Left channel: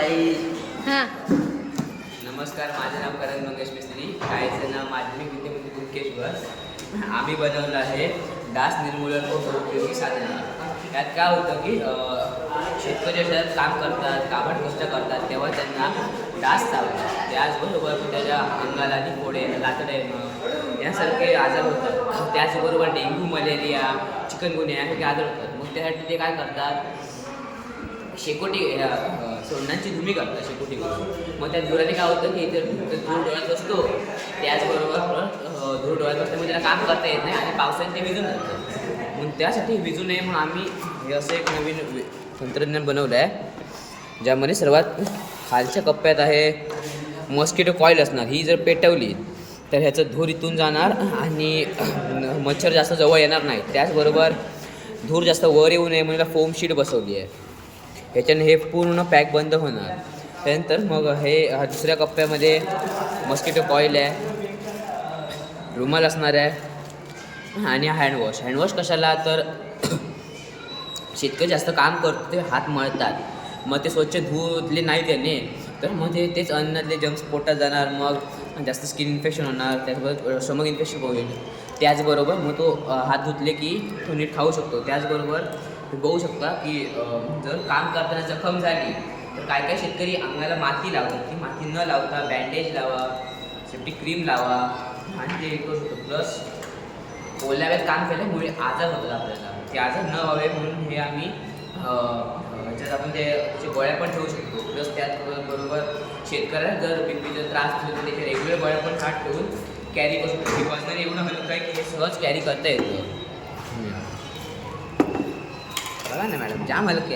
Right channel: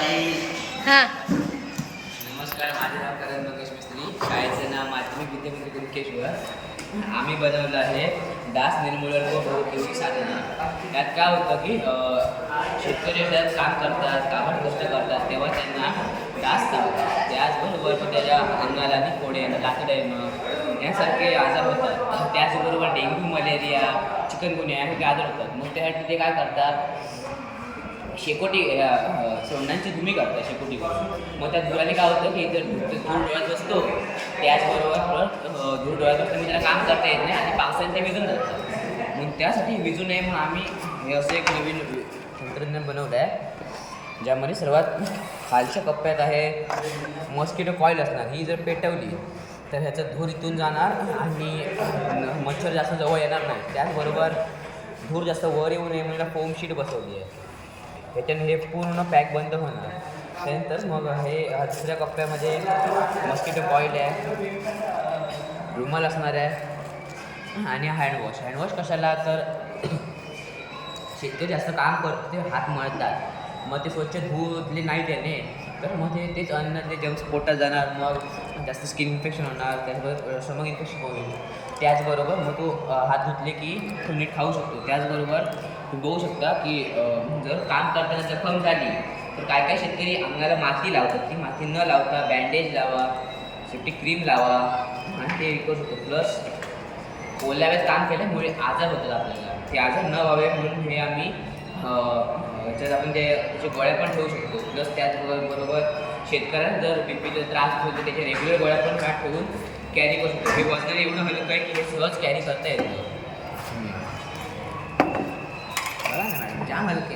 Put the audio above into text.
ताई. हां नमस्कार, माझे नाव करण मंगेश मिस्त्री. शाळेचं नाव माध्यमिक विद्यापीठ कुमकेश्वर. आम्ही बनवलं आहे डास निर्मूलन व बहुउपयोगी साधनं. यात काय होतं की शेतकरी शेतात काम करतात, काबड कष्ट करतात, तेव्हा त्यांना डास चावतात. त्याचबरोबर त्याच्या अंगाला आणि फोडे लाकडं येणं यासारखे आजार होतात. त्याचबरोबर डेंग्यू, मलेरिया, चिकनगुनिया हे आजार होतात. मग त्यासाठी ते काय करतात, शेकोटी सोंडांची धुमी करतात शेकोटी करून. मग त्या धुराने काय होतं की जर धूर डोळ्यात बसतो, त्याचबरोबर धूर डोळ्यात बसल्यामुळे त्याला काम करता येत नाही आणि पावसाने ते विजून जातं. मग त्यासाठी विजू नये म्हणून आम्ही हे असं एक नवीन तंत्रज्ञान बनवलं आहे, ज्यामध्ये सर्वात खालच्या कप्प्यात आहे मॉस्किटो कॉईल असणार. ही जर पेटवली तर ह्याचा धूर इथून जाणार आणि मच्छर जास्त जवळ येणार नाही. त्याचबरोबर धूर जास्त वर येऊ नये म्हणून फोम शीट बसवली आहे. ह्याच्याने हे पूर्ण पॅक बंद होणार. त्यानंतर मग हे दुसऱ्या कप्प्यामध्ये मस्किटो कॉईल आहे, रुमाल असणार आहे आणि हँडवॉश. हँडवॉश कशाला, तर शेतकरी जास्त काम करतो ते हात मळतात, मग ते स्वच्छ धुतले नाही त्याने तर मग तेच अन्नातले जंक्स पोटात जाणार, मग जास्त स्किन इन्फेक्शन होणार, त्याचबरोबर स्टमक इन्फेक्शन होईल. त्याचबरोबर मग तो हात धुतले की तो नीट खाऊ शकतो. त्याचबरोबर तुम्ही बघू शकता की जर काम करताना जखम झाली तर काय काय शेतकरी अंगाला माती लावतात. ती माती न लावता बँडेज लावा, सेफ्टी क्रीम लावा आणि ते करू शकतो. प्लस ओल्या वेळेत काम केल्यामुळे आजार होतात आपल्याला, ते आजार न व्हावे म्हणून हे आम्ही त्याच्यात आपण त्याचे गोळ्या पण ठेवू शकतो. प्लस त्याचबरोबर शेतकऱ्याला जर बीपीचा त्रास असेल तर त्याच्या रेग्युलर गोळ्या पण हात ठेवून कॅरी करू शकतो. हे वजन एवढं हलकं आहे की हे सहज कॅरी करता येतं. बघा ना मॅडम, जाम हलके.